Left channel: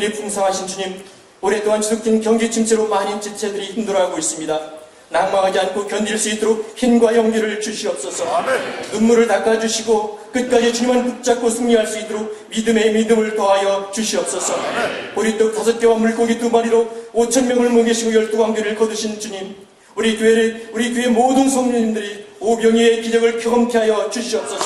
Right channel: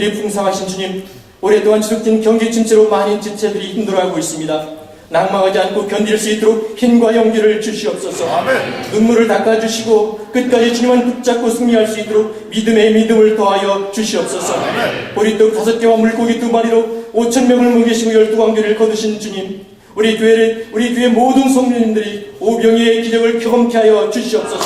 긍휼이 풍성하신 주님, 오랫동안 지속된 경제 침체로 많은 지체들이 힘들어하고 있습니다. 낙망하지 않고 견딜 수 있도록 힘과 용기를 주시옵소서. 눈물을 닦아주시고 끝까지 주님만 붙잡고 승리할 수 있도록 믿음의 믿음을 더하여 주시옵소서. 보리떡 5개와 물고기 2마리로 5,000명을 먹이시고 12광교를 거두신 주님, 우리 교회 모든 성도님들이 오병이의 기적을 경험케 하여 주시옵소서.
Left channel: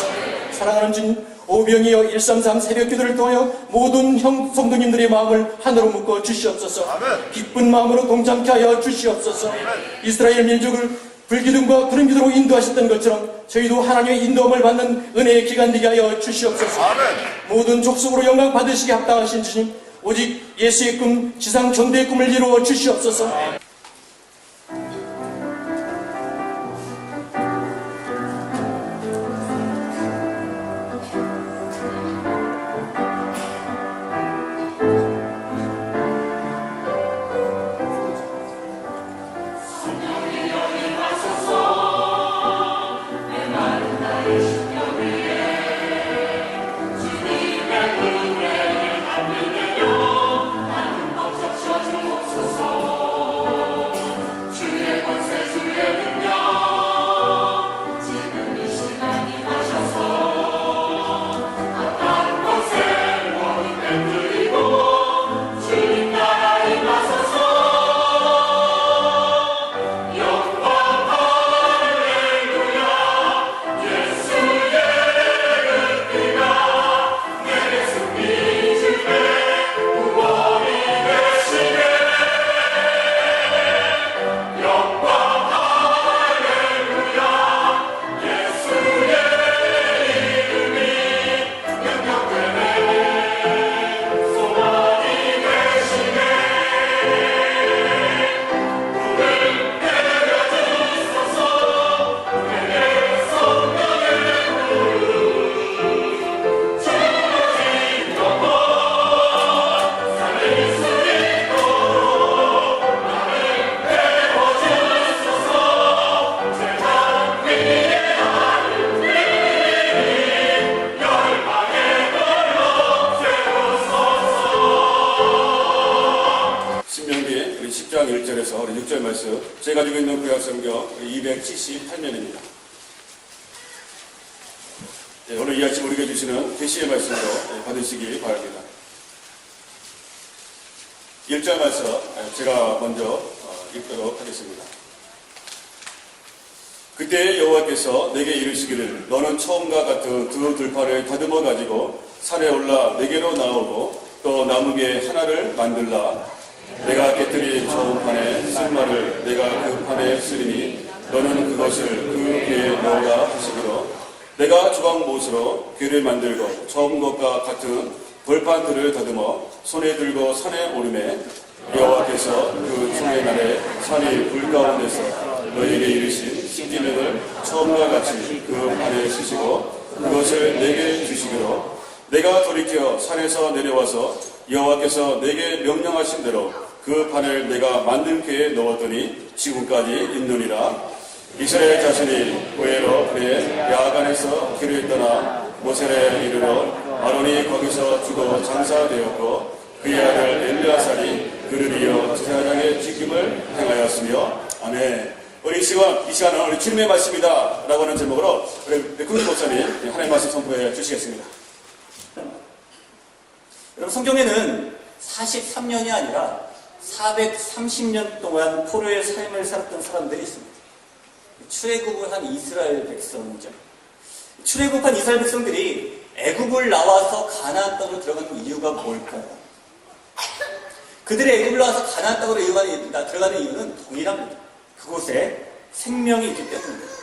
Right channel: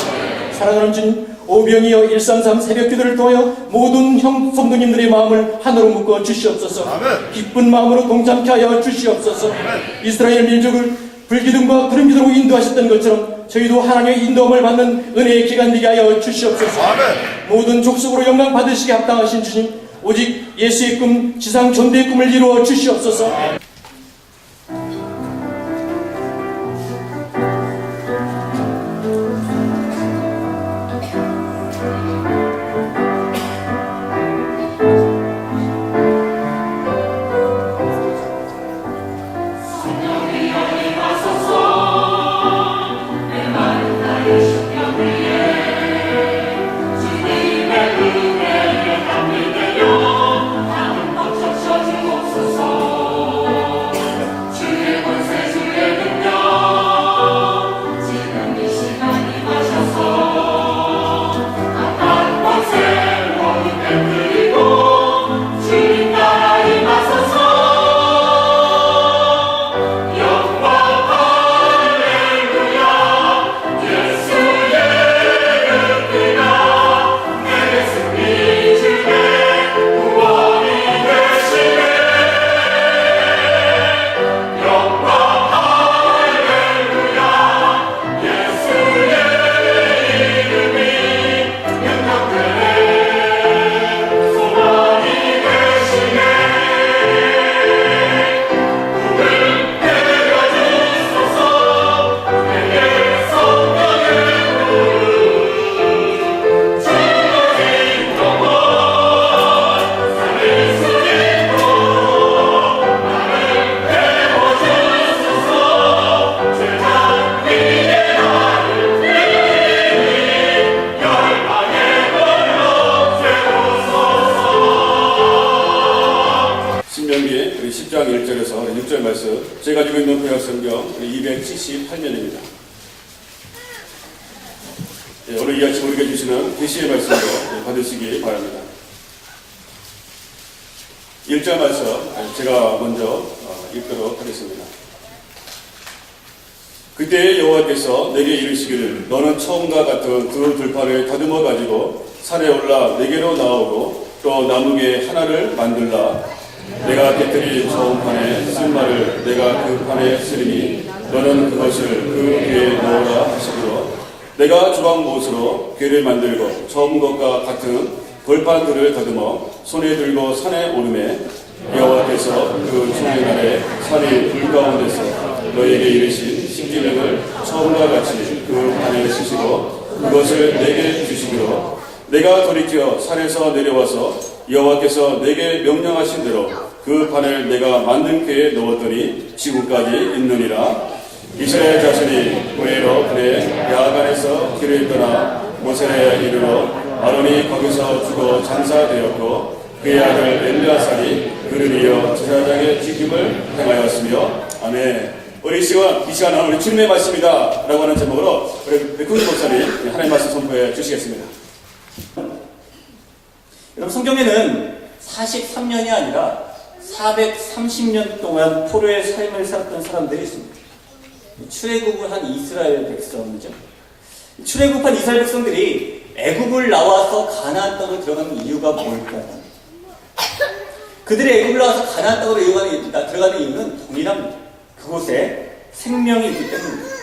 사랑하는 주님, 오병이어 133 새벽기도를 통하여 모든 성도님들의 마음을 하나로 묶어 주시옵소서. 기쁜 마음으로 동참케 하여 주시옵소서. 이스라엘 민족을 불기둥과 구름기둥으로 인도하셨던 것처럼 저희도 하나님의 인도함을 받는 은혜의 기간 되게 하여 주시옵소서. 모든 족속으로 영광 받으시게 합당하신 주님, 오직 예수의 꿈, 지상 전대의 꿈을 이루어 주시옵소서. 신명기 10장 1절에서 6절 말씀, 제가 가지고 있는 구약성경 278면입니다. 오늘 이 아침 우리에게 주시는 계시의 말씀으로 받으시기 바랍니다. 1절 말씀 제가 먼저 읽도록 하겠습니다. 그때 여호와께서 내게 이르시기를, 너는 처음과 같은 두 들판을 다듬어 가지고 산에 올라 내게로 나오고 또 나무개 하나를 만들라. 내가 깨뜨린 처음 판에 쓴 말을 내가 그 판에 쓰리니 너는 그것을 그 궤에 넣으라 하시기로, 내가 주방못으로 궤를 만들고 처음 것과 같은 돌판들을 다듬어 손에 들고 산에 오르매, 여호와께서 그 주의 날에 산이 불 가운데서 너에게 이르신 십계명을 처음과 같이 그 판에 쓰시고 그것을 내게 주시기로, 내가 돌이켜 산에서 내려와서 여호와께서 내게 명령하신 대로 그 판을 내가 만든 궤에 넣었더니 지금까지 있느니라. 이스라엘 자손이 고해로 그네 야간에서 길을 떠나 모세라에 이르러 아론이 거기서 죽어 장사되었고 그의 아들 엘르아살이 그를 이어 제사장의 직임을 행하였으며. 아멘. 우리 이 시간은 우리 주님의 말씀이다 라고 하는 제목으로 우리 백훈기 목사님 하나님의 말씀 선포해 주시겠습니다. 여러분, 성경에는 43년이 아니라 430년 동안 포로의 삶을 살았던 사람들이 있습니다. 출애굽을 한 이스라엘 백성이죠. 출애굽한 이스라엘 백성들이 애굽을 나와서 가나안 땅으로 들어가는 이유가 뭘까요? 그들이 애굽을 나와서 가나안 땅으로 들어가는 이유는 동일합니다. 그곳에 생명이 있기 때문입니다.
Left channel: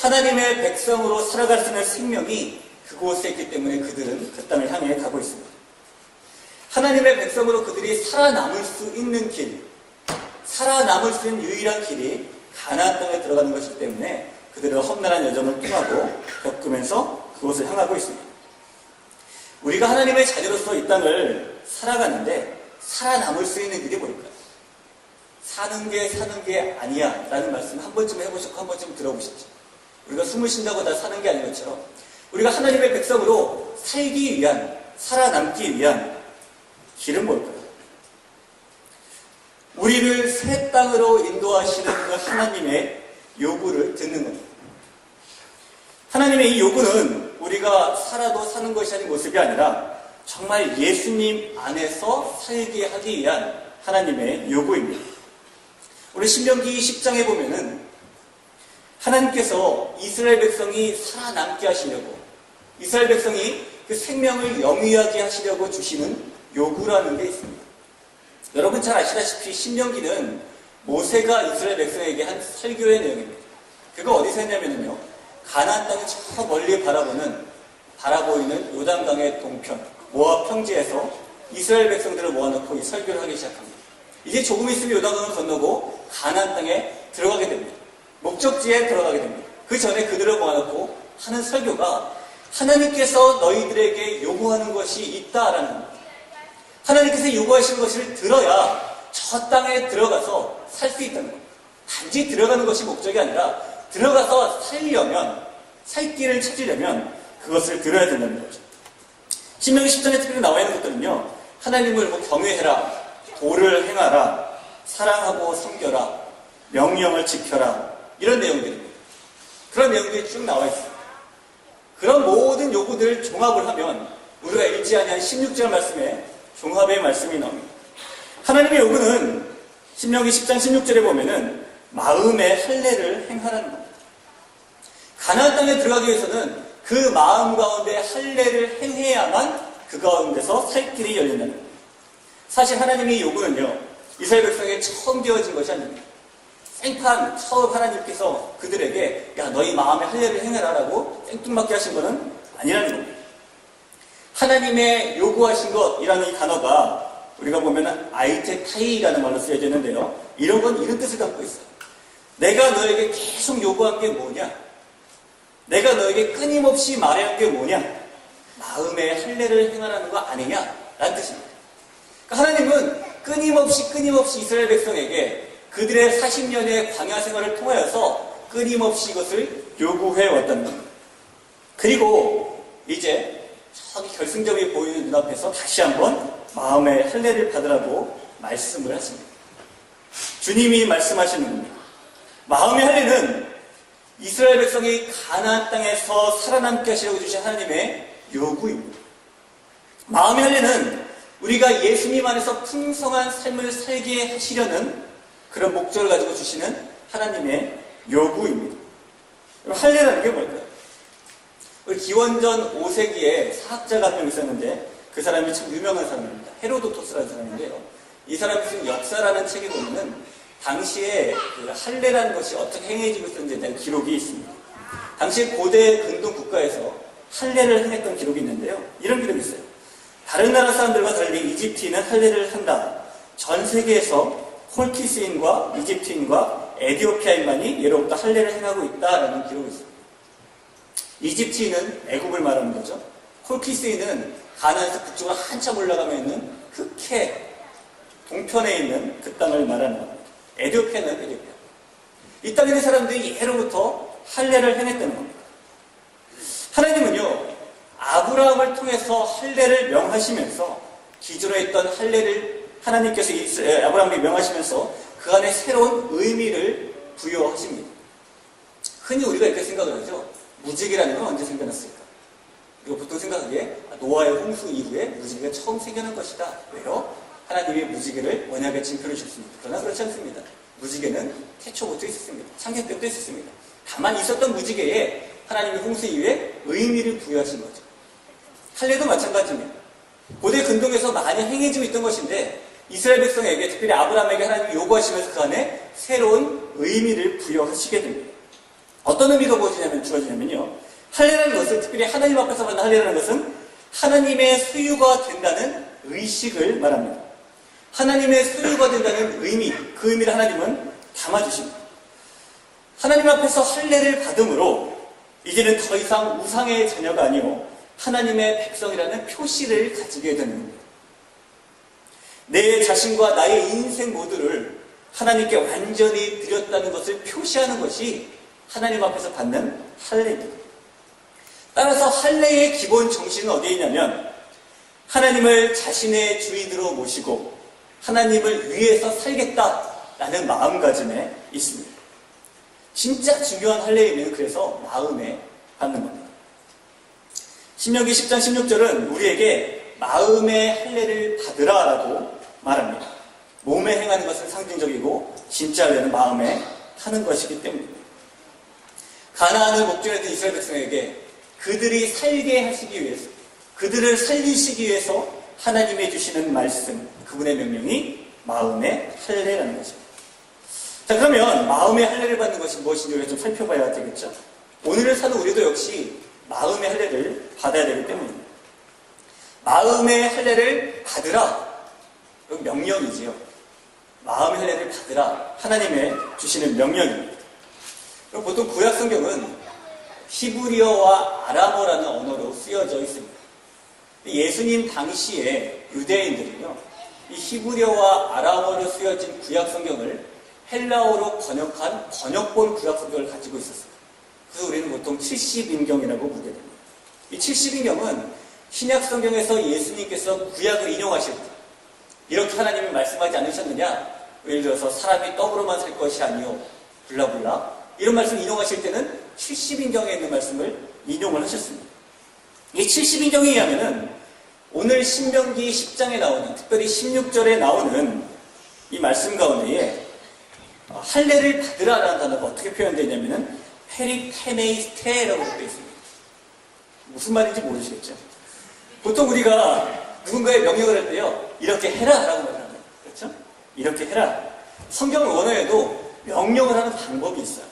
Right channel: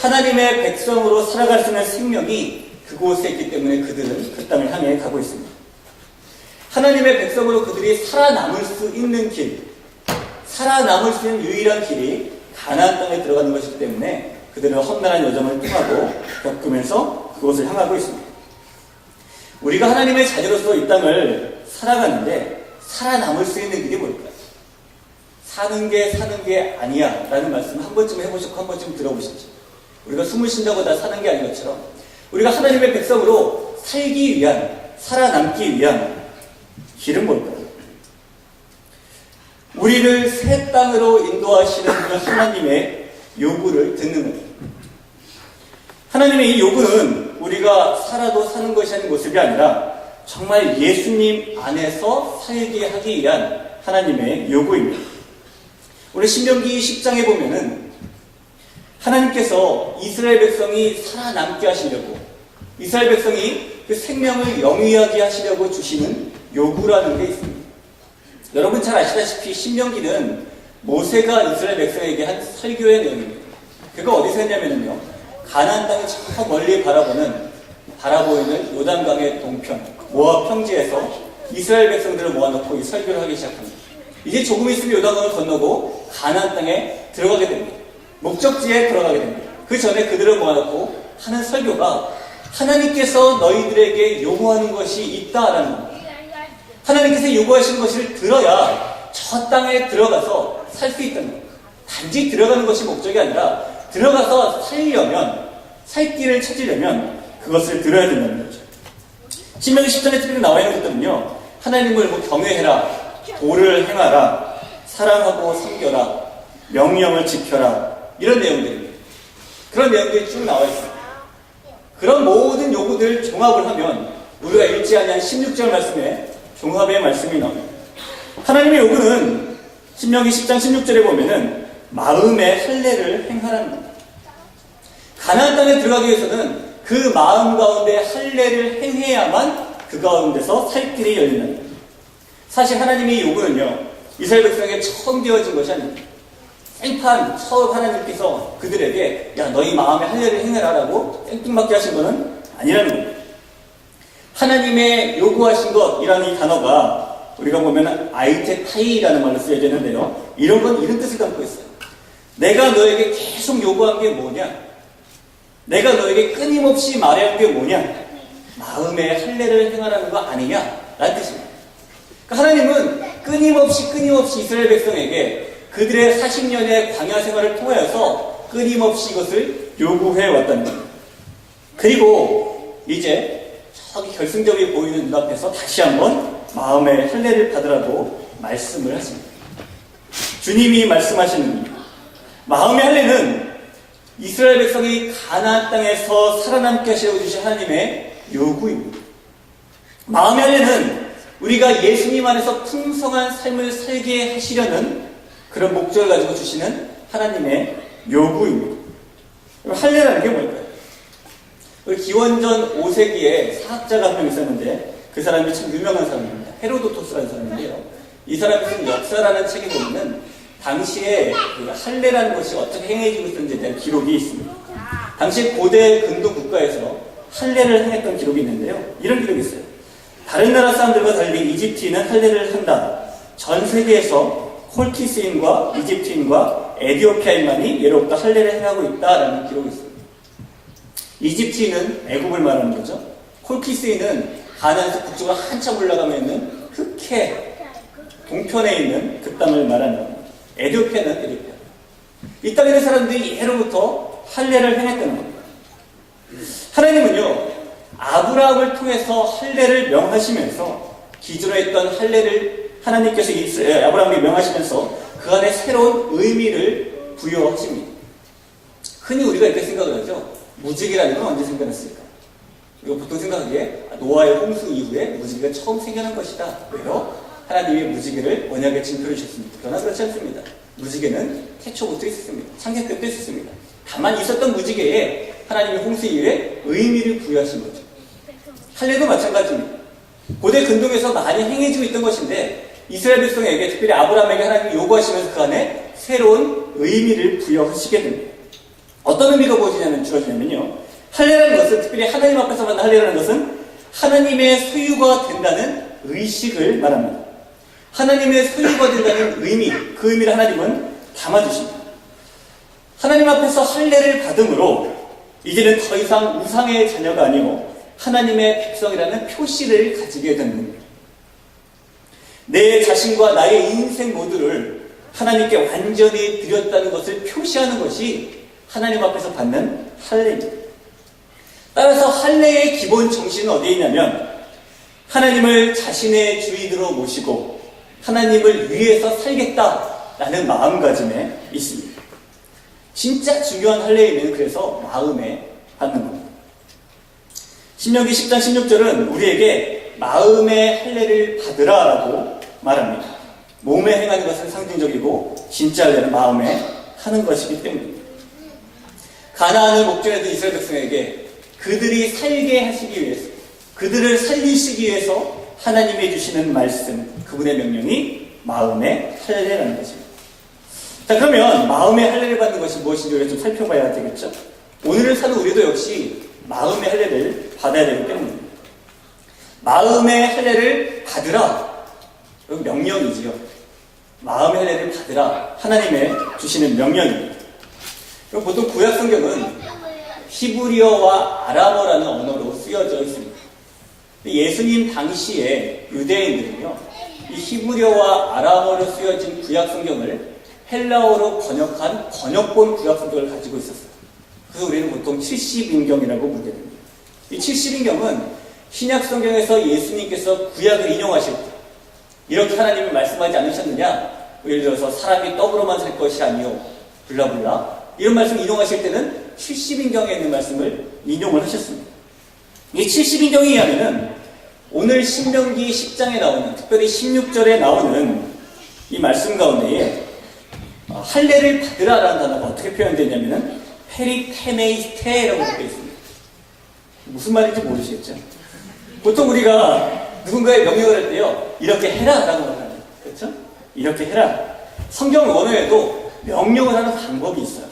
하나님의 백성으로 살아갈 수 있는 생명이 그곳에 있기 때문에 그들은 그 땅을 향해 가고 있습니다. 하나님의 백성으로 그들이 살아남을 수 있는 길, 살아남을 수 있는 유일한 길이 가나안 땅에 들어가는 것이기 때문에 그들은 험난한 여정을 통하고 겪으면서 그곳을 향하고 있습니다. 우리가 하나님의 자녀로서 이 땅을 살아가는데 살아남을 수 있는 길이 뭘까요? 사는 게 아니야 라는 말씀 한 번쯤 해보시고 한 번쯤 들어보십시오. 우리가 숨을 쉰다고 다 사는 게 아닌 것처럼 우리가 하나님의 백성으로 살기 위한, 살아남기 위한 길은 뭘까요? 우리를 새 땅으로 인도하시는 그 하나님의 요구를 듣는 겁니다. 하나님의 이 요구는 우리가 살아도 사는 것이 아닌 모습이 아니라 정말 예수님 안에서 살게 하기 위한 하나님의 요구입니다. 우리 신명기 10장에 보면은 하나님께서 이스라엘 백성이 살아남게 하시려고, 이스라엘 백성이 그 생명을 영위하게 하시려고 주시는 요구라는 게 있습니다. 여러분 잘 아시다시피 신명기는 모세가 이스라엘 백성에게 한 설교의 내용입니다. 그거 어디서 했냐면요, 가나안 땅을 저 멀리 바라보이는 요단강의 동편 모압 평지에서 이스라엘 백성들을 모아놓고 이 설교를 하기 시작합니다. 이제 조금 있으면 요단강을 건너고 가나안 땅에 들어가게 됩니다. 목적지에 들어가게 됩니다. 그 전에 그들을 모아놓고 하는 설교가 하나님께서 너희들에게 요구하는 것이 있다라는 겁니다. 하나님께서 요구하시는 것을 들어야 저 땅에 들어가서 살 수 있다는 겁니다. 단지 들어가는 것이 목적이 아니라 들어가서 살려면, 살 길을 찾으려면 그것을 들어야 된다는 거죠. 신명기 10장에 특별히 나와 있는 것들은요, 하나님을 경외해라, 도를 행하라, 사랑하고 섬겨라, 명령을 지켜라, 이런 내용들입니다. 그런 내용들이 쭉 나와 있습니다. 그런 모든 요구들을 종합을 하면 우리가 읽지 아니한 16절 말씀에 종합의 말씀이 나옵니다. 하나님의 요구는 신명기 10장 16절에 보면은 마음의 할례를 행하라는 겁니다. 가나안 땅에 들어가기 위해서는 그 마음 가운데 할례를 행해야만 그 가운데서 살 길이 열린다는 겁니다. 사실 하나님의 요구는요, 이스라엘 백성에게 처음 되어진 것이 아닙니다. 생판 처음 하나님께서 그들에게 야 너희 마음의 할례를 행해라 라고 생뚱맞게 하신 것은 아니라는 겁니다. 하나님의 요구하신 것이라는 이 단어가 우리가 보면 아이테타이라는 말로 쓰여져 있는데요, 이런 건 이런 뜻을 담고 있어요. 내가 너에게 계속 요구한 게 뭐냐? 내가 너에게 끊임없이 말해야 한 게 뭐냐? 마음의 할례를 행하라는 거 아니냐? 라는 뜻입니다. 그러니까 하나님은 끊임없이 이스라엘 백성에게 그들의 40년의 광야 생활을 통하여서 끊임없이 이것을 요구해 왔다는 겁니다. 그리고 이제 저기 결승점이 보이는 눈앞에서 다시 한번 마음의 할례를 받으라고 말씀을 하십니다. 주님이 말씀하시는 겁니다. 마음의 할례는 이스라엘 백성이 가나안 땅에서 살아남게 하시려고 주신 하나님의 요구입니다. 마음의 할례는 우리가 예수님 안에서 풍성한 삶을 살게 하시려는 그런 목적을 가지고 주시는 하나님의 요구입니다. 할례라는 게 뭘까요? 우리 기원전 5세기에 사학자가 한 명 있었는데 그 사람이 참 유명한 사람입니다. 헤로도토스라는 사람인데요, 이 사람이 쓴 역사라는 책에 보면은 당시에 그 할례라는 것이 어떻게 행해지고 있었는지에 대한 기록이 있습니다. 당시 고대 근동 국가에서 할례를 행했던 기록이 있는데요, 이런 기록이 있어요. 다른 나라 사람들과 달리 이집트인은 할례를 한다. 전 세계에서 콜키스인과 이집트인과 에디오피아인만이 예로부터 할례를 행하고 있다라는 기록이 있습니다. 이집트인은 애국을 말하는 거죠. 콜키스인은 가나안에서 북쪽으로 한참 올라가면 있는 흑해 동편에 있는 그 땅을 말하는 겁니다. 에디오피아는 에디오피아. 이 땅에 있는 사람들이 예로부터 할례를 행했다는 겁니다. 하나님은요, 아브라함을 통해서 할례를 명하시면서 기존에 있던 할례를 하나님께서 아브라함에게 명하시면서 그 안에 새로운 의미를 부여하십니다. 흔히 우리가 이렇게 생각을 하죠. 무지개라는 건 언제 생겨났을까? 이거 보통 생각하기에 노아의 홍수 이후에 무지개가 처음 생겨난 것이다. 왜요? 하나님의 무지개를 언약에 징표를 주셨습니다. 그러나 그렇지 않습니다. 무지개는 태초부터 있었습니다. 창세 때부터 있었습니다. 다만 있었던 무지개에 하나님의 홍수 이후에 의미를 부여하신 거죠. 할례도 마찬가지입니다. 고대 근동에서 많이 행해지고 있던 것인데 이스라엘 백성에게, 특별히 아브라함에게 하나님이 요구하시면서 그 안에 새로운 의미를 부여하시게 됩니다. 어떤 의미가 주어지냐면요, 할례라는 것은, 특별히 하나님 앞에서 받는 할례라는 것은 하나님의 소유가 된다는 의식을 말합니다. 하나님의 소유가 된다는 의미, 그 의미를 하나님은 담아주십니다. 하나님 앞에서 할례를 받음으로 이제는 더 이상 우상의 자녀가 아니고 하나님의 백성이라는 표시를 가지게 되는 겁니다. 내 자신과 나의 인생 모두를 하나님께 완전히 드렸다는 것을 표시하는 것이 하나님 앞에서 받는 할례입니다. 따라서 할례의 기본 정신은 어디에 있냐면 하나님을 자신의 주인으로 모시고 하나님을 위해서 살겠다라는 마음가짐에 있습니다. 진짜 중요한 할례의 의미는 그래서 마음에 받는 겁니다. 신명기 10장 16절은 우리에게 마음의 할례를 받으라라고 말합니다. 몸에 행하는 것은 상징적이고 진짜 할례는 마음에 하는 것이기 때문입니다. 가나안을 목전에 이스라엘 백성에게 그들이 살게 하시기 위해서, 그들을 살리시기 위해서 하나님이 주시는 말씀, 그분의 명령이 마음의 할례라는 것입니다. 자, 그러면 마음의 할례를 받는 것이 무엇인지 우리가 좀 살펴봐야 되겠죠? 오늘을 사는 우리도 역시 마음의 할례를 받아야 되기 때문입니다. 마음의 할례를 받으라, 그건 명령이지요. 마음의 할례를 받으라, 하나님의 주시는 명령입니다. 그럼 보통 구약 성경은 히브리어와 아람어라는 언어로 쓰여져 있습니다. 예수님 당시에 유대인들은요, 이 히브리어와 아람어로 쓰여진 구약 성경을 헬라어로 번역한 번역본 구약 성경을 가지고 있었어요. 그래서 우리는 보통 70인경이라고 부르게 됩니다. 이 70인경은 신약 성경에서 예수님께서 구약을 인용하실 때 이렇게 하나님이 말씀하지 않으셨느냐? 예를 들어서 사람이 떡으로만 살 것이 아니요 블라블라 이런 말씀 인용하실 때는 70인경에 있는 말씀을 인용을 하셨습니다. 이 70인경에 의하면은 오늘 신명기 10장에 나오는, 특별히 16절에 나오는 이 말씀 가운데에 할례를 받으라라는 단어가 어떻게 표현되냐면은 페리테메이스테라고 되어 있습니다. 무슨 말인지 모르시겠죠? 보통 우리가 누군가의 명령을 할 때요, 이렇게 해라라고 말합니다. 그렇죠? 이렇게 해라. 성경 원어에도 명령을 하는 방법이 있어요.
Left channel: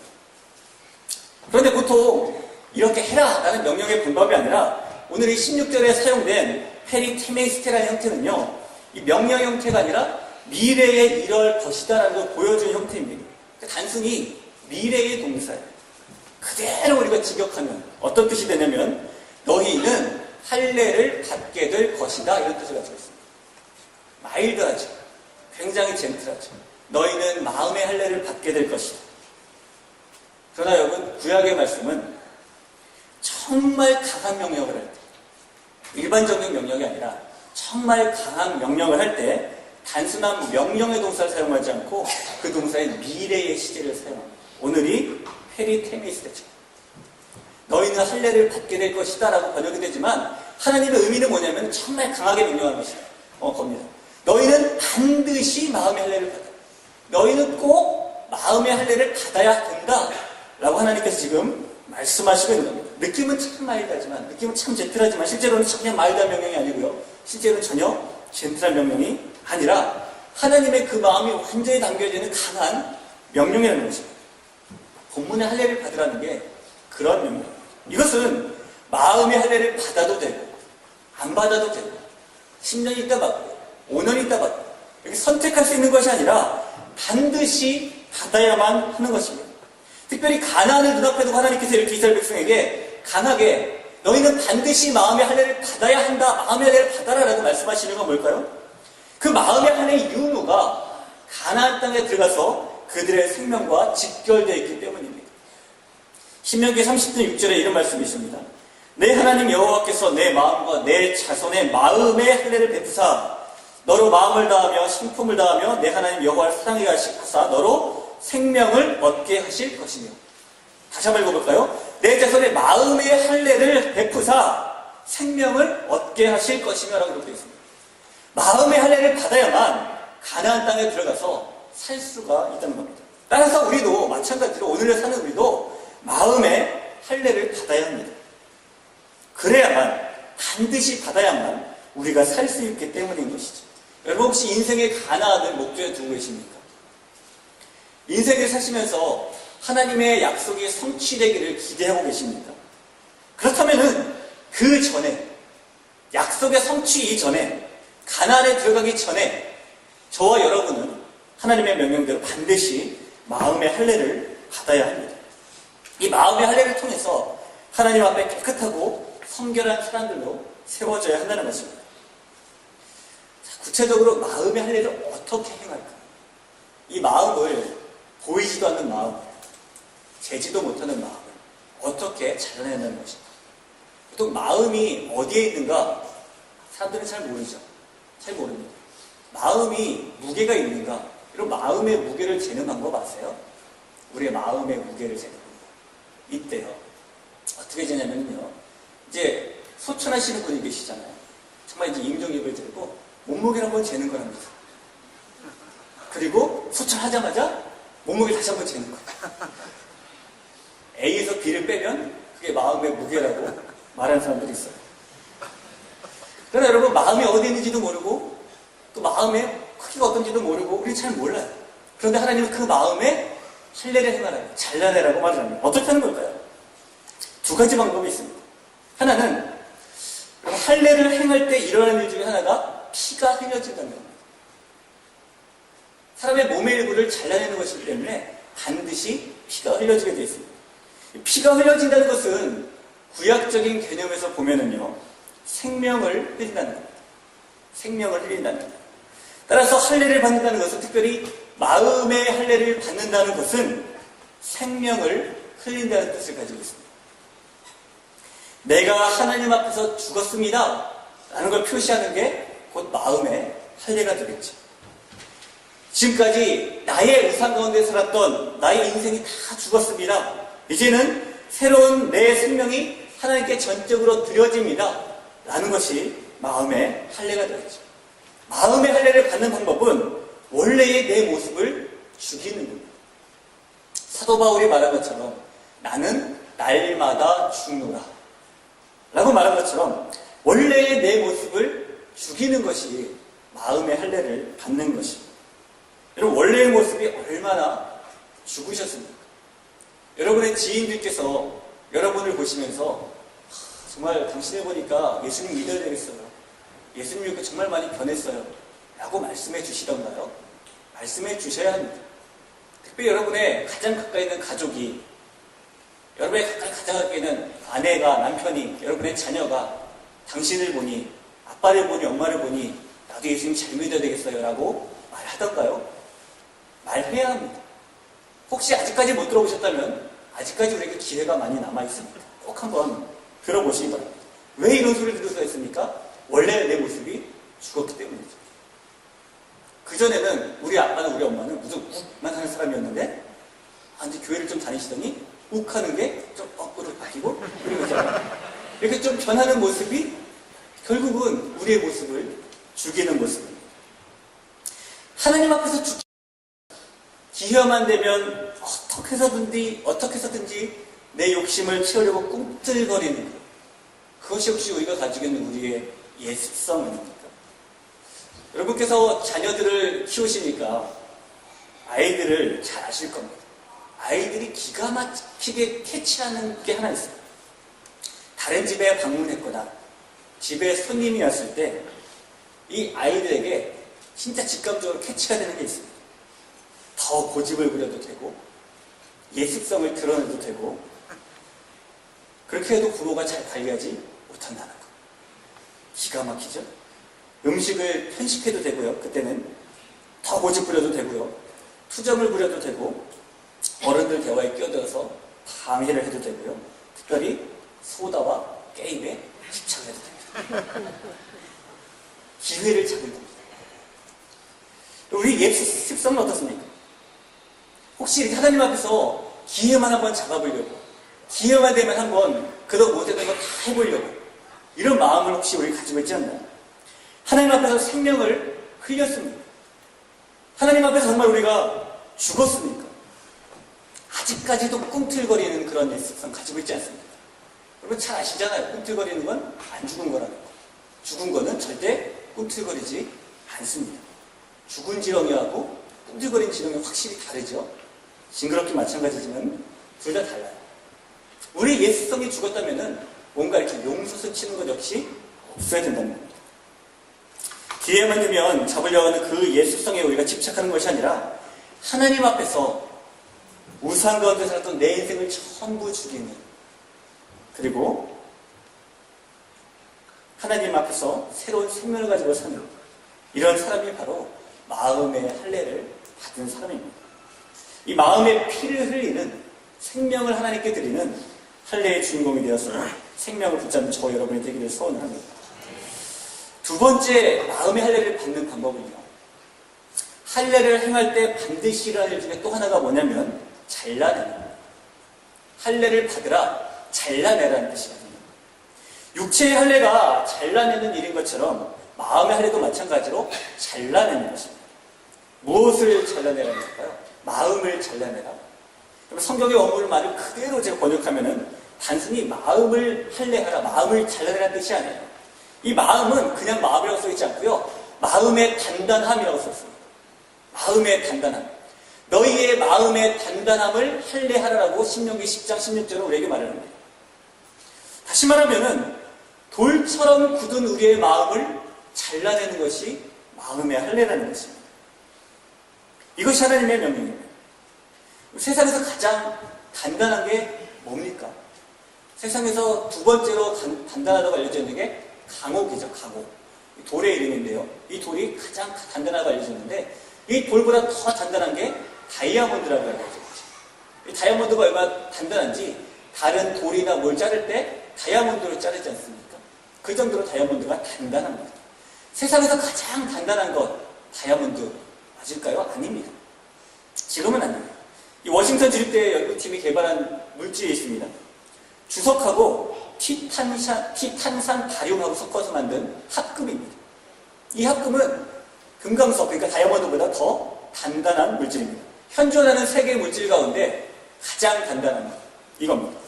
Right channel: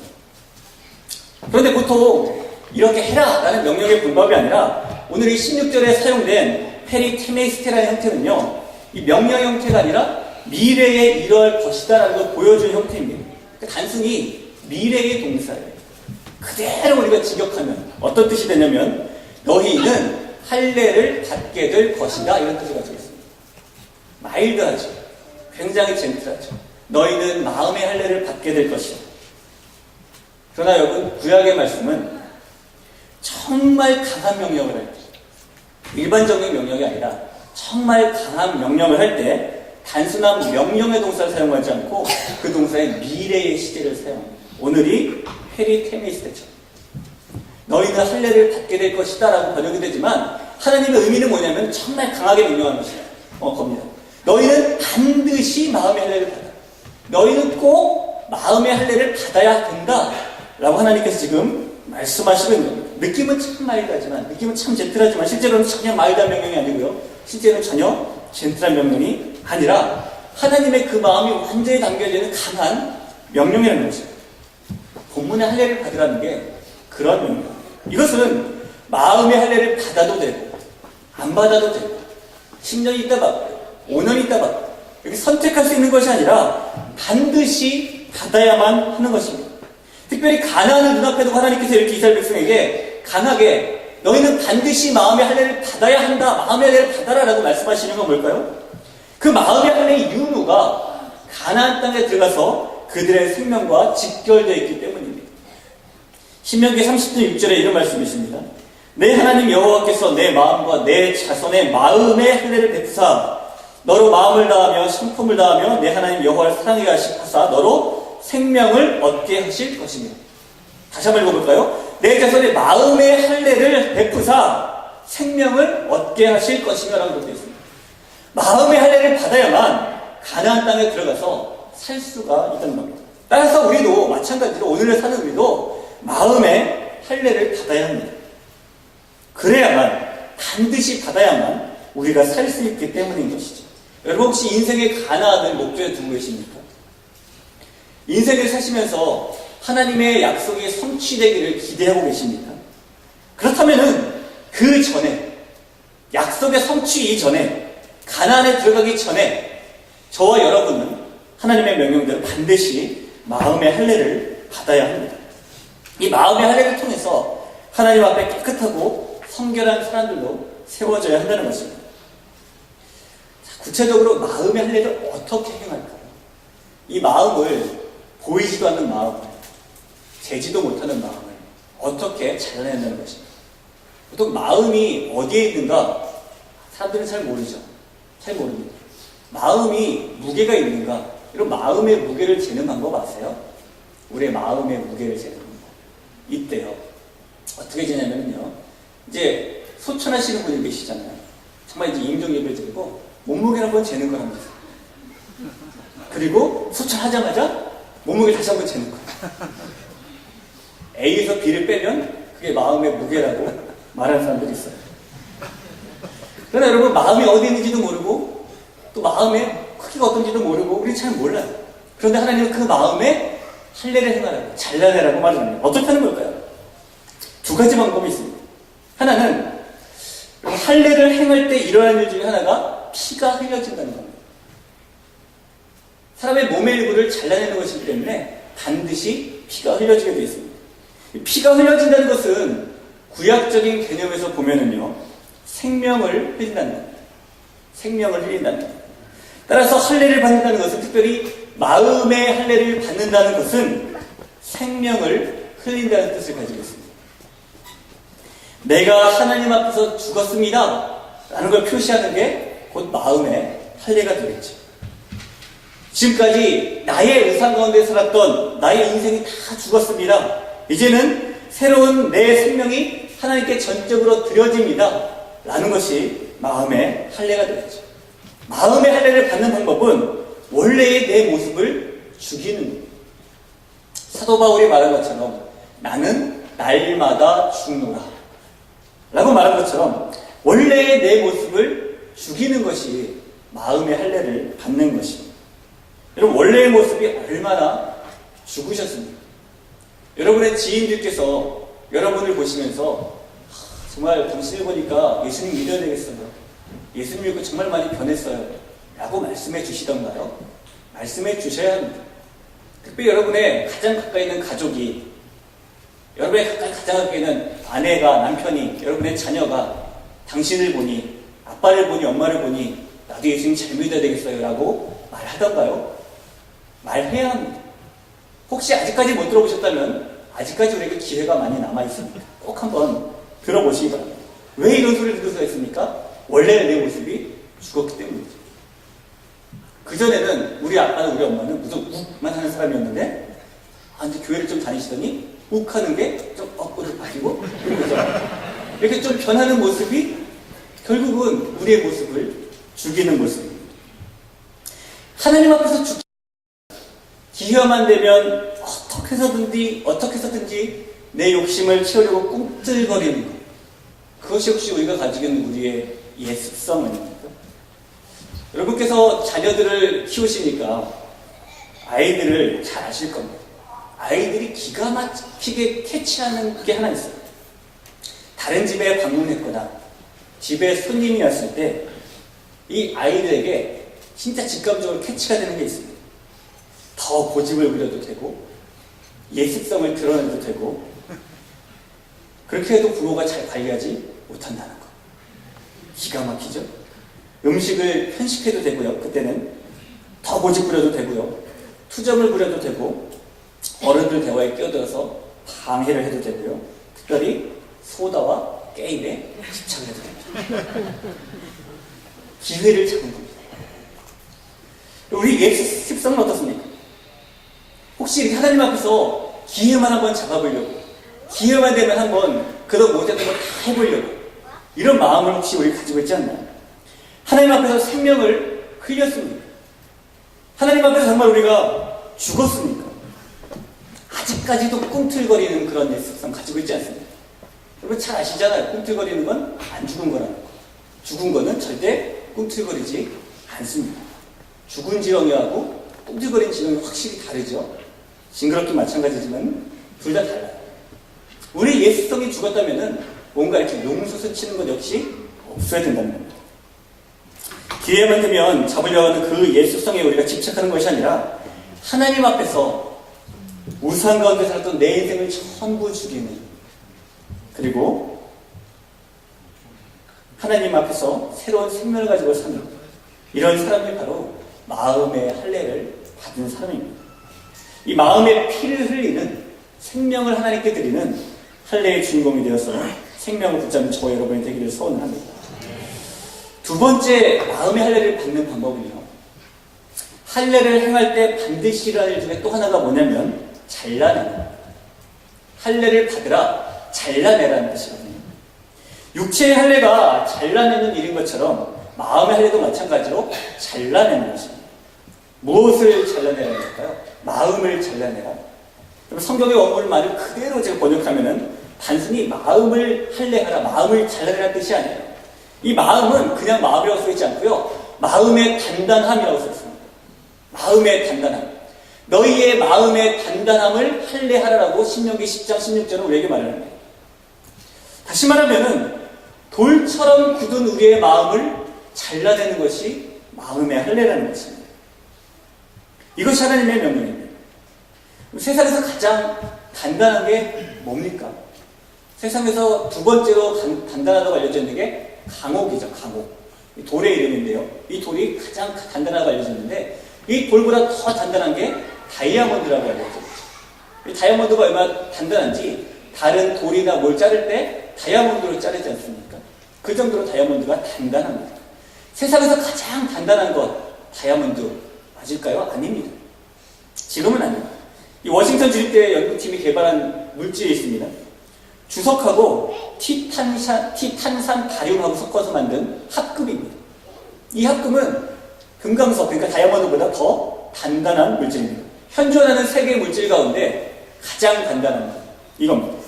그런데 보통 이렇게 해라라는 명령의 방법이 아니라 오늘 이 16절에 사용된 페리테메이스테라는 형태는요, 이 명령 형태가 아니라 미래에 이럴 것이다라는 걸 보여주는 형태입니다. 그러니까 단순히 미래의 동사예요. 그대로 우리가 직역하면 어떤 뜻이 되냐면 너희는 할례를 받게 될 것이다, 이런 뜻을 가지고 있습니다. 마일드하죠. 굉장히 젠틀하죠. 너희는 마음의 할례를 받게 될 것이다. 그러나 여러분, 구약의 말씀은 정말 강한 명령을 할 때, 일반적인 명령이 아니라 정말 강한 명령을 할 때 단순한 명령의 동사를 사용하지 않고 그 동사의 미래의 시제를 사용합니다. 오늘이 페리테메이스테죠. 너희는 할례를 받게 될 것이다 라고 번역이 되지만 하나님의 의미는 뭐냐면 정말 강하게 명령하는 겁니다. 너희는 반드시 마음의 할례를 받아. 너희는 꼭 마음의 할례를 받아야 된다 라고 하나님께서 지금 말씀하시고 있는 겁니다. 느낌은 참 마일드하지만, 느낌은 참 젠틀하지만 실제로는 전혀 마일드한 명령이 아니고요, 실제로는 전혀 젠틀한 명령이 아니라 하나님의 그 마음이 완전히 담겨져 있는 강한 명령이라는 것입니다. 본문의 할례를 받으라는 게 그런 명령. 이것은 마음의 할례를 받아도 되고 안 받아도 되고 10년 있다 받고 5년 있다 받고 이렇게 선택할 수 있는 것이 아니라 반드시 받아야만 하는 것입니다. 특별히 가나안을 눈앞에 두고 하나님께서 이렇게 이스라엘 백성에게 강하게 너희는 반드시 마음의 할례를 받아야 한다, 마음의 할례를 받아라라고 말씀하시는 건 뭘까요? 그 마음의 할례의 유무가 가나안 땅에 들어가서 그들의 생명과 직결되어 있기 때문입니다. 신명기 30장 6절에 이런 말씀이 있습니다. 내 하나님 여호와께서 내 마음과 내 자손의 마음의 할례를 베푸사 너로 마음을 다하며 신품을 다하며 내 하나님 여호와를 사랑하게 하사 너로 생명을 얻게 하실 것이며. 다시 한번 읽어볼까요? 내 자손의 마음의 할례를 베푸사 생명을 얻게 하실 것이며 라고 이렇게 되어 있습니다. 마음의 할례를 받아야만 가나안 땅에 들어가서 살 수가 있다는 겁니다. 따라서 우리도 마찬가지로 오늘을 사는 우리도 마음의 할례를 받아야 합니다. 그래야만, 반드시 받아야만 우리가 살 수 있기 때문인 것이죠. 여러분 혹시 인생의 가나안을 목표에 두고 계십니까? 인생을 사시면서 하나님의 약속이 성취되기를 기대하고 계십니까? 그렇다면은 그 전에, 약속의 성취 이전에, 가나안에 들어가기 전에 저와 여러분은 하나님의 명령대로 반드시 마음의 할례를 받아야 합니다. 이 마음의 할례를 통해서 하나님 앞에 깨끗하고 성결한 사람들로 세워져야 한다는 것입니다. 자, 구체적으로 마음의 할례를 어떻게 행할까요? 이 마음을, 보이지도 않는 마음을, 재지도 못하는 마음을 어떻게 잘라낸다는 것입니다. 보통 마음이 어디에 있는가 사람들은 잘 모르죠. 잘 모릅니다. 마음이 무게가 있는가? 이런 마음의 무게를 재는 방법 아세요? 우리의 마음의 무게를 재는 방법. 있대요. 어떻게 재냐면요. 이제 소천하시는 분이 계시잖아요. 정말 이제 임종입을 들고 몸무게를 한번 재는 거랍니다. 그리고 소천하자마자 몸무게 다시 한번 재는 거예요. A에서 B를 빼면 그게 마음의 무게라고 말하는 사람들이 있어요. 그러나 여러분, 마음이 어디 있는지도 모르고 또 마음의 크기가 어떤지도 모르고 우리 잘 몰라요. 그런데 하나님은 그 마음에 할례를 행하라고, 잘라내라고 말을 합니다. 어떻게 하는 걸까요? 두 가지 방법이 있습니다. 하나는 할례를 행할 때 일어나는 일 중에 하나가 피가 흘려진다는 겁니다. 사람의 몸의 일부를 잘라내는 것이기 때문에 반드시 피가 흘려지게 되어 있습니다. 피가 흘려진다는 것은 구약적인 개념에서 보면은요, 생명을 흘린다는 겁니다. 생명을 흘린다는 겁니다. 따라서 할례를 받는다는 것은, 특별히 마음의 할례를 받는다는 것은 생명을 흘린다는 뜻을 가지고 있습니다. 내가 하나님 앞에서 죽었습니다 라는 걸 표시하는 게 곧 마음의 할례가 되겠죠. 지금까지 나의 우상 가운데 살았던 나의 인생이 다 죽었습니다. 이제는 새로운 내 생명이 하나님께 전적으로 드려집니다 라는 것이 마음의 할례가 되겠죠. 마음의 할례를 받는 방법은 원래의 내 모습을 죽이는 겁니다. 사도 바울이 말한 것처럼 나는 날마다 죽노라 라고 말한 것처럼 원래의 내 모습을 죽이는 것이 마음의 할례를 받는 것입니다. 여러분, 원래의 모습이 얼마나 죽으셨습니까? 여러분의 지인들께서 여러분을 보시면서 정말 당신을 보니까 예수님 믿어야 되겠어요. 예수님 믿고 정말 많이 변했어요 라고 말씀해 주시던가요? 말씀해 주셔야 합니다. 특별히 여러분의 가장 가까이 있는 가족이, 여러분의 가장 가까이 있는 아내가, 남편이, 여러분의 자녀가 당신을 보니, 아빠를 보니, 엄마를 보니 나도 예수님 잘 믿어야 되겠어요 라고 말하던가요? 말해야 합니다. 혹시 아직까지 못 들어보셨다면 아직까지 우리에게 기회가 많이 남아있습니다. 꼭 한번 들어보시기 바랍니다. 왜 이런 소리를 들을 수가 있습니까? 원래 내 모습이 죽었기 때문이죠. 그전에는 우리 아빠는, 우리 엄마는 무슨 욱만 하는 사람이었는데, 이제 교회를 좀 다니시더니 욱 하는 게 좀 업으로 바뀌고 이러고 있잖아요. 이렇게 좀 변하는 모습이 결국은 우리의 모습을 죽이는 모습입니다. 하나님 앞에서 기회만 되면 어떻게 해서든지 내 욕심을 채우려고 꿈틀거리는 것, 그것이 혹시 우리가 가지고 있는 우리의 예습성 아닙니까? 여러분께서 자녀들을 키우시니까 아이들을 잘 아실 겁니다. 아이들이 기가 막히게 캐치하는 게 하나 있어요. 다른 집에 방문했거나 집에 손님이 왔을 때 이 아이들에게 진짜 직감적으로 캐치가 되는 게 있습니다. 더 고집을 부려도 되고 예습성을 드러내도 되고, 그렇게 해도 부모가 잘 관리하지 못한다는 거. 기가 막히죠? 음식을 편식해도 되고요. 그때는 더 고집 부려도 되고요. 투정을 부려도 되고, 어른들 대화에 끼어들어서 방해를 해도 되고요. 특별히 소다와 게임에 집착을 해도 됩니다. 기회를 잡은 겁니다. 우리 예습성은 어떻습니까? 혹시 이렇게 하나님 앞에서 기회만 한번 잡아보려고, 기회만 되면 한번 그도 못했던 걸 다 해보려고, 이런 마음을 혹시 우리 가지고 있지 않나요? 하나님 앞에서 생명을 흘렸습니까? 하나님 앞에서 정말 우리가 죽었습니까? 아직까지도 꿈틀거리는 그런 예습성 가지고 있지 않습니까? 여러분 잘 아시잖아요. 꿈틀거리는 건 안 죽은 거라는 거. 죽은 거는 절대 꿈틀거리지 않습니다. 죽은 지렁이하고 꿈틀거리는 지렁이 확실히 다르죠. 징그럽긴 마찬가지지만 둘 다 달라요. 우리 예습성이 죽었다면은 뭔가 이렇게 용솟을 치는 것 역시 없어야 된다는 겁니다. 기회만 되면 잡으려고 하는 그 예습성에 우리가 집착하는 것이 아니라 하나님 앞에서 우상 가운데 살았던 내 인생을 전부 죽이는, 그리고 하나님 앞에서 새로운 생명을 가지고 사는 이런 사람이 바로 마음의 할례를 받은 사람입니다. 이 마음의 피를 흘리는, 생명을 하나님께 드리는 할례의 주인공이 되어서 생명을 붙잡는 저와 여러분이 되기를 소원을 합니다. 두 번째 마음의 할례를 받는 방법은요, 할례를 행할 때 반드시 일어날 일 중에 또 하나가 뭐냐면 잘라내는 거예요. 할례를 받으라, 잘라내라는 뜻이거든요. 육체의 할례가 잘라내는 일인 것처럼 마음의 할례도 마찬가지로 잘라내는 것입니다. 무엇을 잘라내라는 걸까요? 마음을 잘라내라. 그럼 성경의 원문을 말을 그대로 제가 번역하면은 단순히 마음을 할례하라, 마음을 잘라내라는 뜻이 아니에요. 이 마음은 그냥 마음이라고 써있지 않고요. 마음의 단단함이라고 썼습니다. 마음의 단단함. 너희의 마음의 단단함을 할례하라라고 신명기 10장 16절은 우리에게 말하는 거예요. 다시 말하면은 돌처럼 굳은 우리의 마음을 잘라내는 것이 마음의 할례라는 것입니다. 이것이 하나님의 명령입니다. 세상에서 가장 단단한 게 뭡니까? 세상에서 두 번째로 단단하다고 알려져 있는 게 강옥이죠. 강옥. 돌의 이름인데요. 이 돌이 가장 단단하다고 알려져 있는데 이 돌보다 더 단단한 게 다이아몬드라고 알려져 있죠. 이 다이아몬드가 얼마나 단단한지 다른 돌이나 뭘 자를 때 다이아몬드로 자르지 않습니까? 그 정도로 다이아몬드가 단단합니다. 세상에서 가장 단단한 것 다이아몬드 맞을까요? 아닙니다. 지금은 아닙니다. 이 워싱턴 주립대 연구팀이 개발한 물질이 있습니다. 주석하고 티탄산 바륨하고 섞어서 만든 합금입니다. 이 합금은 금강석, 그러니까 다이아몬드보다 더 단단한 물질입니다. 현존하는 세계의 물질 가운데 가장 단단한 것, 이겁니다.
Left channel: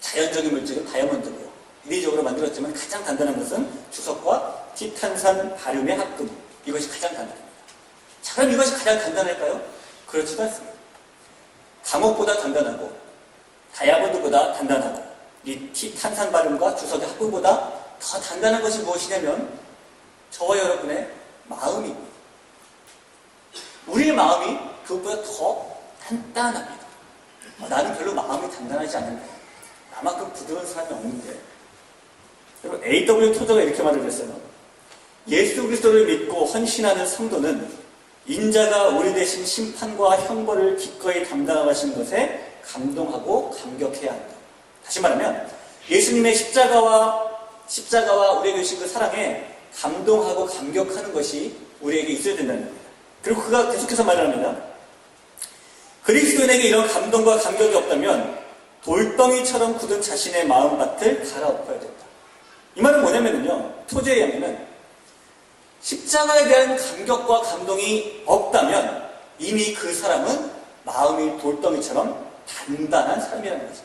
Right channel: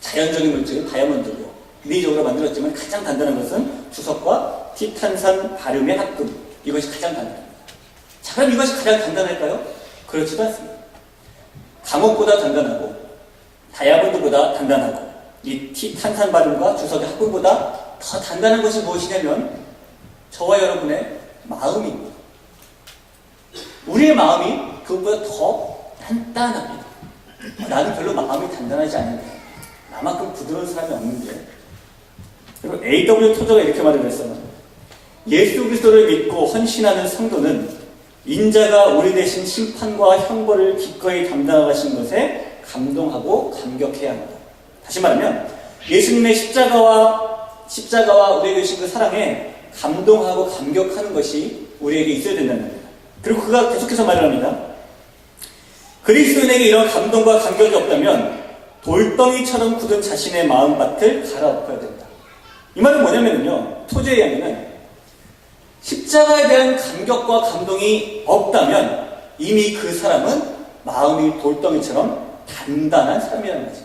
자연적인 물질은 다이아몬드고요. 인위적으로 만들었지만 가장 단단한 것은 주석과 티탄산 바륨의 합금. 이것이 가장 단단합니다. 자, 그럼 이것이 가장 단단할까요? 그렇지도 않습니다. 강옥보다 단단하고 다이아몬드보다 단단하고 이 티탄산 바륨과 주석의 합금보다 더 단단한 것이 무엇이냐면 저와 여러분의 마음입니다. 우리의 마음이 그것보다 더 단단합니다. 나는 별로 마음이 단단하지 않은데 나만큼 부드러운 사람이 없는데. 그리고 A.W. 토저가 이렇게 말을 했어요. 예수 그리스도를 믿고 헌신하는 성도는 인자가 우리 대신 심판과 형벌을 기꺼이 담당하신 것에 감동하고 감격해야 합니다. 다시 말하면 예수님의 십자가와 우리에게 주신 그 사랑에 감동하고 감격하는 것이 우리에게 있어야 된다는 겁니다. 그리고 그가 계속해서 말을 합니다. 그리스도인에게 이런 감동과 감격이 없다면 돌덩이처럼 굳은 자신의 마음밭을 갈아엎어야 된다. 이 말은 뭐냐면요. 토저에 의하면은 십자가에 대한 감격과 감동이 없다면 이미 그 사람은 마음이 돌덩이처럼 단단한 사람이라는 거죠.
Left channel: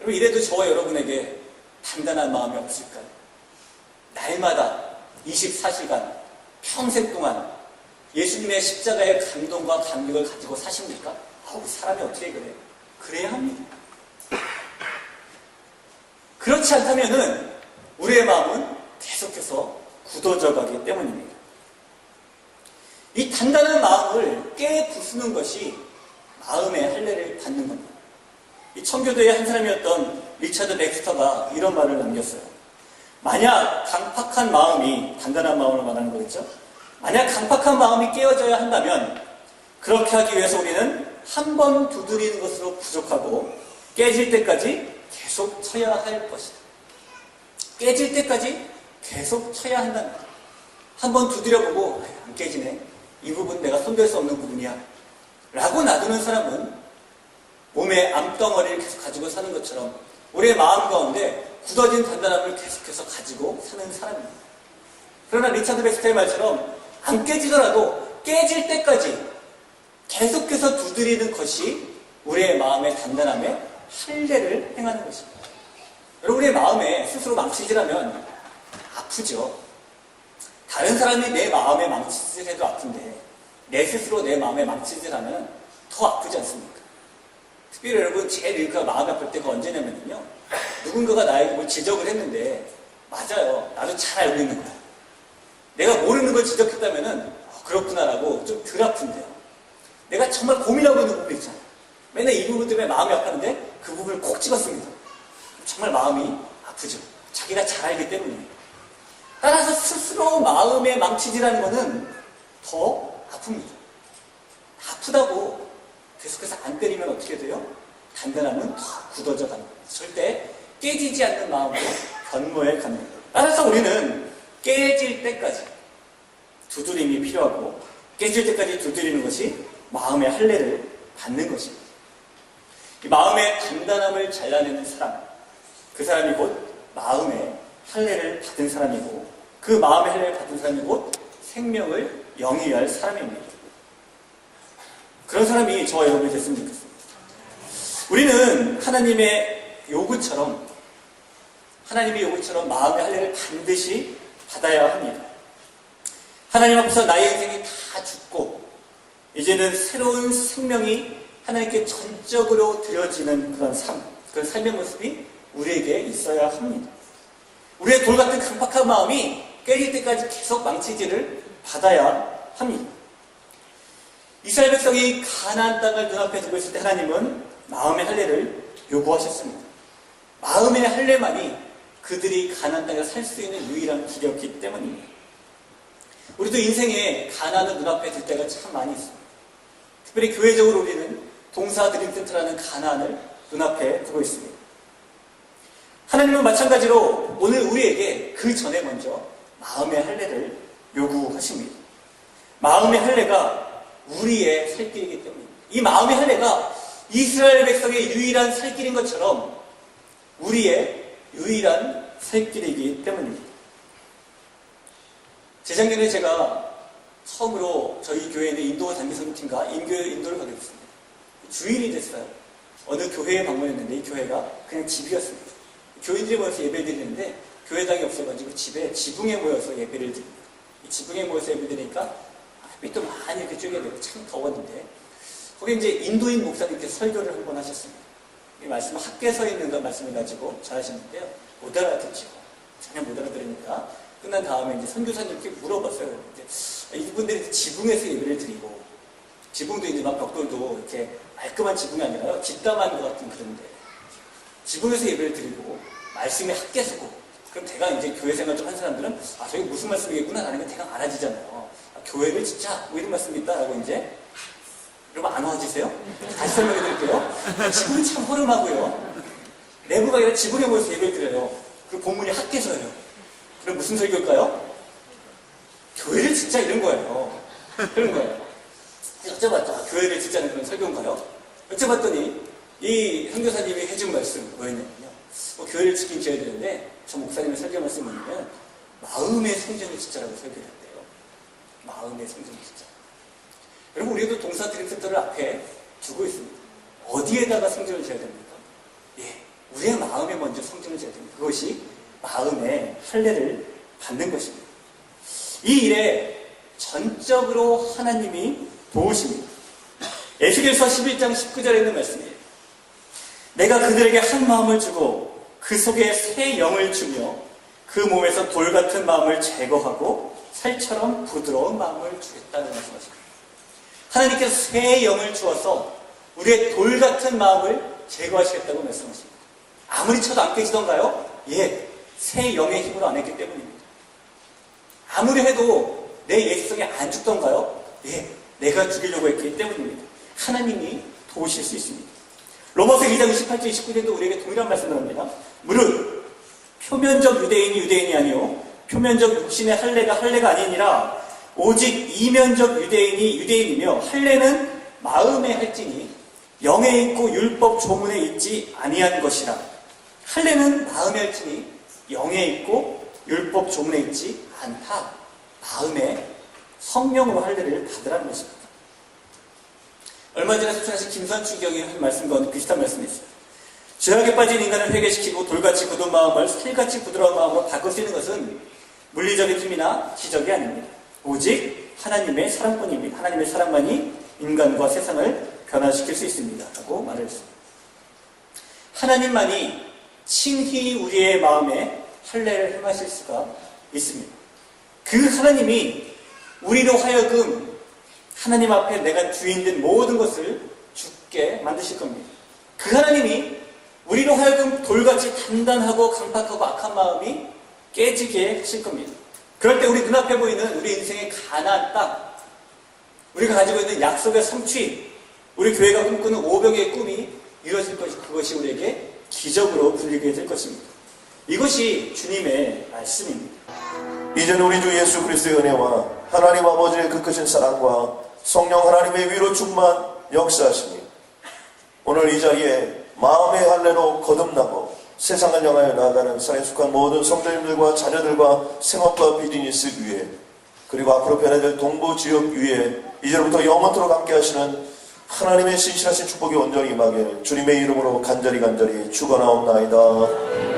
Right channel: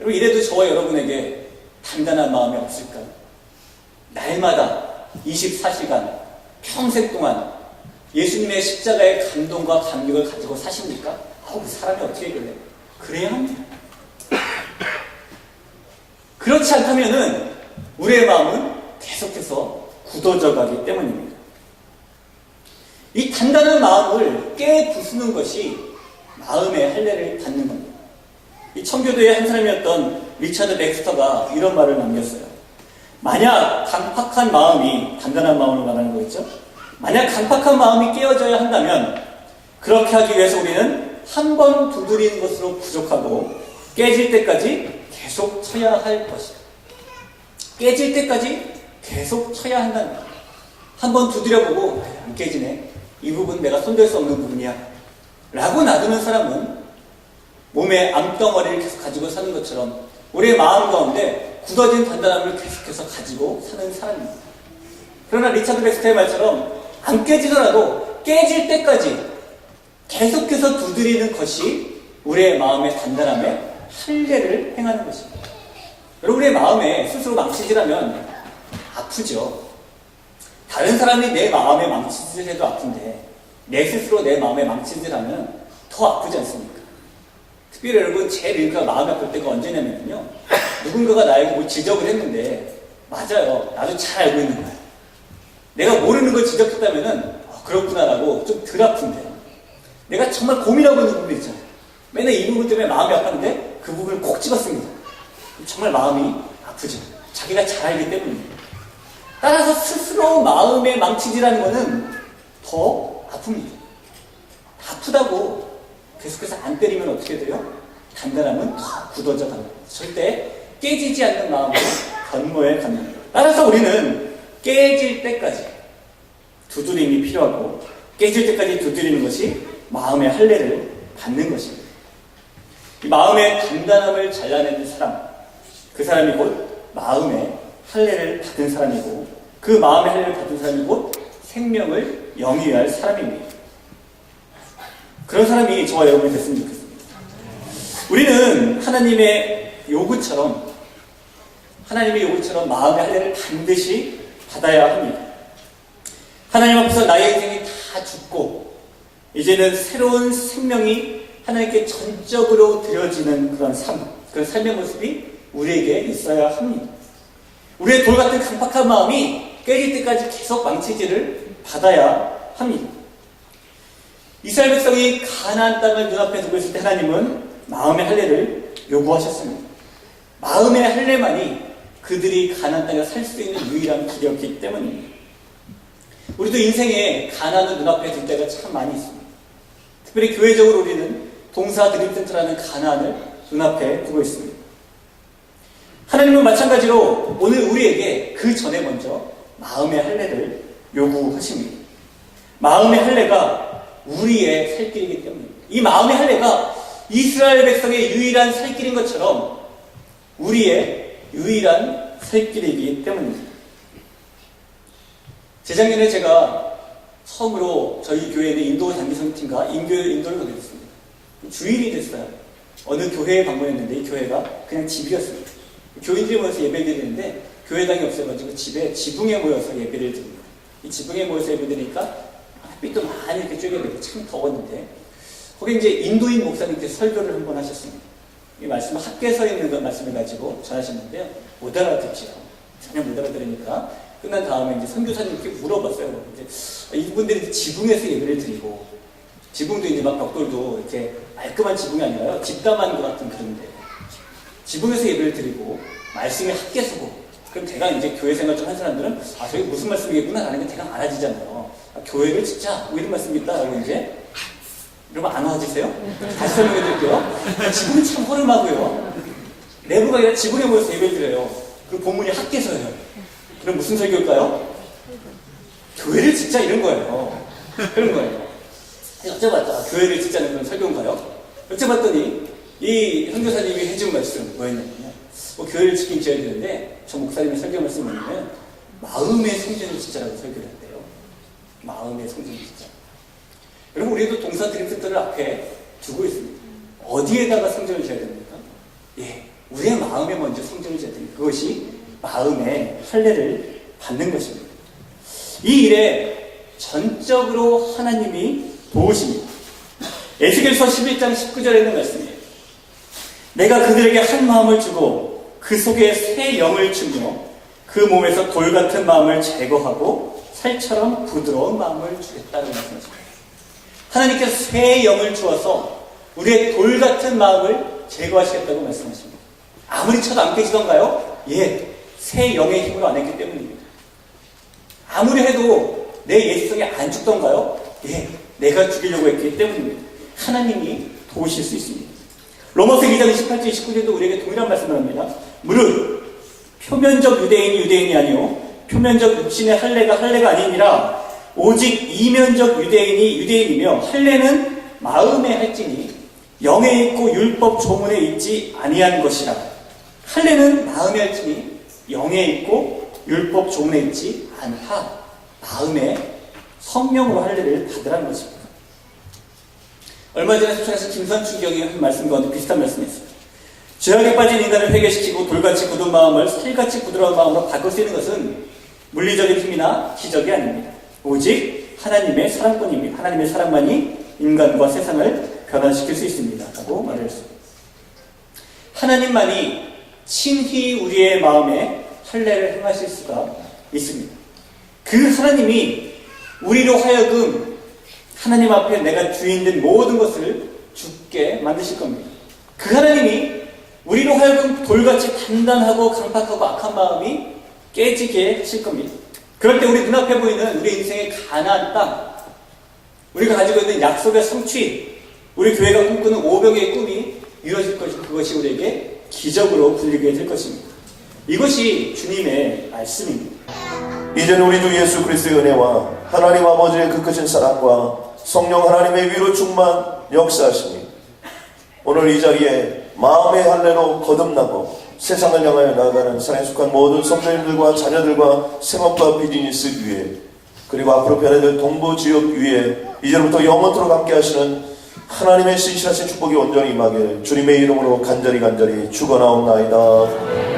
여러분, 이래도 저와 여러분에게 단단한 마음이 없을까요? 날마다 24시간 평생 동안 예수님의 십자가의 감동과 감격을 가지고 사십니까? 아우, 사람이 어떻게 그래? 그래야 합니다. 그렇지 않다면은 우리의 마음은 계속해서 굳어져 가기 때문입니다. 이 단단한 마음을 깨부수는 것이 마음의 할례를 받는 겁니다. 이 청교도의 한 사람이었던 리차드 백스터가 이런 말을 남겼어요. 만약 강팍한 마음이, 단단한 마음을 말하는 거겠죠? 만약 강팍한 마음이 깨어져야 한다면 그렇게 하기 위해서 우리는 한 번 두드리는 것으로 부족하고 깨질 때까지 계속 쳐야 할 것이다. 깨질 때까지 계속 쳐야 한다는 거예요. 한 번 두드려보고 안 깨지네. 이 부분 내가 손댈 수 없는 부분이야. 라고 놔두는 사람은 몸에 암덩어리를 계속 가지고 사는 것처럼 우리의 마음 가운데 굳어진 단단함을 계속해서 가지고 사는 사람입니다. 그러나 리차드 백스터의 말처럼 안 깨지더라도 깨질 때까지 계속해서 두드리는 것이 우리의 마음의 단단함에 할례를 행하는 것입니다. 여러분, 우리의 마음에 스스로 망치질하면 아프죠. 다른 사람이 내 마음에 망치질해도 아픈데 내 스스로 내 마음에 망치질하면 더 아프지 않습니까? 특별히 여러분, 제일 마음이 아플 때가 언제냐면요, 누군가가 나에게 뭘 지적을 했는데 맞아요, 나도 잘 알고 있는 거야. 내가 모르는 걸 지적했다면은 그렇구나라고 좀 덜 아픈데요. 내가 정말 고민하고 있는 부분 있잖아요. 맨날 이 부분 때문에 마음이 아팠는데 그 부분을 콕 집었습니다. 정말 마음이 아프죠. 자기가 잘 알기 때문입니다. 따라서 스스로 마음에 망치질하는 것은 더 아픕니다. 아프다고 계속해서 안 때리면 어떻게 돼요? 단단함은 더 굳어져 갑니다. 절대 깨지지 않는 마음으로 견고해 갑니다. 따라서 우리는 깨질 때까지 두드림이 필요하고 깨질 때까지 두드리는 것이 마음의 할례를 받는 것입니다. 이 마음의 단단함을 잘라내는 사람, 그 사람이 곧 마음의 할례를 받은 사람이고 그 마음의 할례를 받은 사람이 곧 생명을 영위할 사람입니다. 그런 사람이 저와 여러분이 됐으면 좋겠습니다. 우리는 하나님의 요구처럼 마음의 할례를 반드시 받아야 합니다. 하나님 앞에서 나의 인생이 다 죽고 이제는 새로운 생명이 하나님께 전적으로 드려지는 그런 삶의 모습이 우리에게 있어야 합니다. 우리의 돌같은 강박한 마음이 깨질 때까지 계속 망치질을 받아야 합니다. 이스라엘 백성이 가나안 땅을 눈앞에 두고 있을 때 하나님은 마음의 할례를 요구하셨습니다. 마음의 할례만이 그들이 가나안 땅에 살 수 있는 유일한 길이었기 때문입니다. 우리도 인생에 가나안을 눈앞에 둘 때가 참 많이 있습니다. 특별히 교회적으로 우리는 동사 드림센터라는 가나안을 눈앞에 두고 있습니다. 하나님은 마찬가지로 오늘 우리에게 그 전에 먼저 마음의 할례를 요구하십니다. 마음의 할례가 우리의 살 길이기 때문입니다. 이 마음의 할례가 이스라엘 백성의 유일한 살 길인 것처럼 우리의 유일한 살 길이기 때문입니다. 재작년에 제가 처음으로 저희 교회에 있는 인도 단기성팀과 인도를 가게 됐습니다. 주일이 됐어요. 어느 교회에 방문했는데 이 교회가 그냥 집이었습니다. 교인들이 모여서 예배를 드리는데 교회당이 없어가지고 집에 지붕에 모여서 예배를 드립니다. 이 지붕에 모여서 예배 드리니까 햇빛도 많이 이렇게 쬐게 참 더웠는데 거기 이제 인도인 목사님께서 설교를 한번 하셨습니다. 이 말씀을 학교에 서 있는 그 말씀을 가지고 전하셨는데요. 못 알아듣죠. 전혀 못 알아들으니까 끝난 다음에 이제 선교사님께 물어봤어요. 이제 이분들이 지붕에서 예배를 드리고 지붕도 이제 막 벽돌도 이렇게 깔끔한 지붕이 아니라요. 집담한 것 같은 그런데 지붕에서 예배를 드리고 말씀이 학계 서고 그럼 대강 이제 교회 생활 좀 한 사람들은 저게 무슨 말씀이겠구나 라는 게 대강 알아지잖아요. 교회를 진짜 뭐 이런 말씀이 있다라고 이제 여러분 안 와주세요? 다시 설명해 드릴게요. 지붕이 참 허름하고요. 내부가 아니라 지붕에 모여서 예배를 드려요. 그리고 본문이 학계서예요. 그럼 무슨 설교일까요? 교회를 진짜 이런 거예요. 그런 거예요. 여쭤봤죠. 교회를 진짜는 그런 설교인가요? 여쭤봤더니 이 선교사님이 해준 말씀 뭐였냐면요. 교회를 지키긴 지어야 되는데 저 목사님의 설교 말씀이 뭐냐면 마음의 성전을 진짜라고 설교를 했대요. 마음의 성전을 진짜. 여러분 우리도 동사 드림센터를 앞에 두고 있습니다. 어디에다가 성전을 지어야 됩니까? 우리의 마음에 먼저 성전을 지어야 됩니다. 그것이 마음의 할례를 받는 것입니다. 이 일에 전적으로 하나님이 도우십니다. 에스겔서 11장 19절에 있는 말씀이에요. 내가 그들에게 한 마음을 주고 그 속에 새 영을 주며 그 몸에서 돌 같은 마음을 제거하고 살처럼 부드러운 마음을 주겠다라고 말씀하십니다. 하나님께서 새 영을 주어서 우리의 돌 같은 마음을 제거하시겠다고 말씀하십니다. 아무리 쳐도 안 깨지던가요? 새 영의 힘으로 안 했기 때문입니다. 아무리 해도 내 예수성이 안 죽던가요? 내가 죽이려고 했기 때문입니다. 하나님이 도우실 수 있습니다. 로마서 2장 28절 29절도 우리에게 동일한 말씀을 합니다. 무릇 표면적 유대인이 아니요 표면적 육신의 할례가 아니니라 오직 이면적 유대인이며 할례는 마음에 할지니 영에 있고 율법 조문에 있지 아니한 것이라. 할례는 마음에 할지니 영에 있고 율법 조문에 있지 않다. 마음에 성령으로 할례를 받으라는 것입니다. 얼마 전에 소천하신 김선춘 경이 한 말씀과 비슷한 말씀이 있어요. 죄악에 빠진 인간을 회개시키고 돌같이 굳은 마음을 살같이 부드러운 마음으로 바꿀 수 있는 것은 물리적인 힘이나 기적이 아닙니다. 오직 하나님의 사랑뿐입니다. 하나님의 사랑만이 인간과 세상을 변화시킬 수 있습니다. 라고 말을 했어요. 하나님만이 친히 우리의 마음에 할례를 행하실 수가 있습니다. 그 하나님이 우리로 하여금 하나님 앞에 내가 주인된 모든 것을 죽게 만드실 겁니다. 그 하나님이 우리로 하여금 돌같이 단단하고 강팍하고 악한 마음이 깨지게 하실 겁니다. 그럴 때 우리 눈앞에 보이는 우리 인생의 가나안 땅, 우리가 가지고 있는 약속의 성취, 우리 교회가 꿈꾸는 오병의 꿈이 이루어질 것이 그것이 우리에게 기적으로 불리게 될 것입니다. 이것이 주님의 말씀입니다. 이제는 우리 주 예수 그리스도의 은혜와 하나님 아버지의 그 크신 사랑과 성령 하나님의 위로 충만 역사하시니 오늘 이 자리에 마음의 할례로 거듭나고 세상을 향하여 나아가는 산에 속한 모든 성도님들과 자녀들과 생업과 비즈니스 위에 그리고 앞으로 변해될 동부 지역 위에 이제부터 영원토록 함께 하시는 하나님의 신실하신 축복이 온전히 임하게 주님의 이름으로 간절히 축원하옵나이다.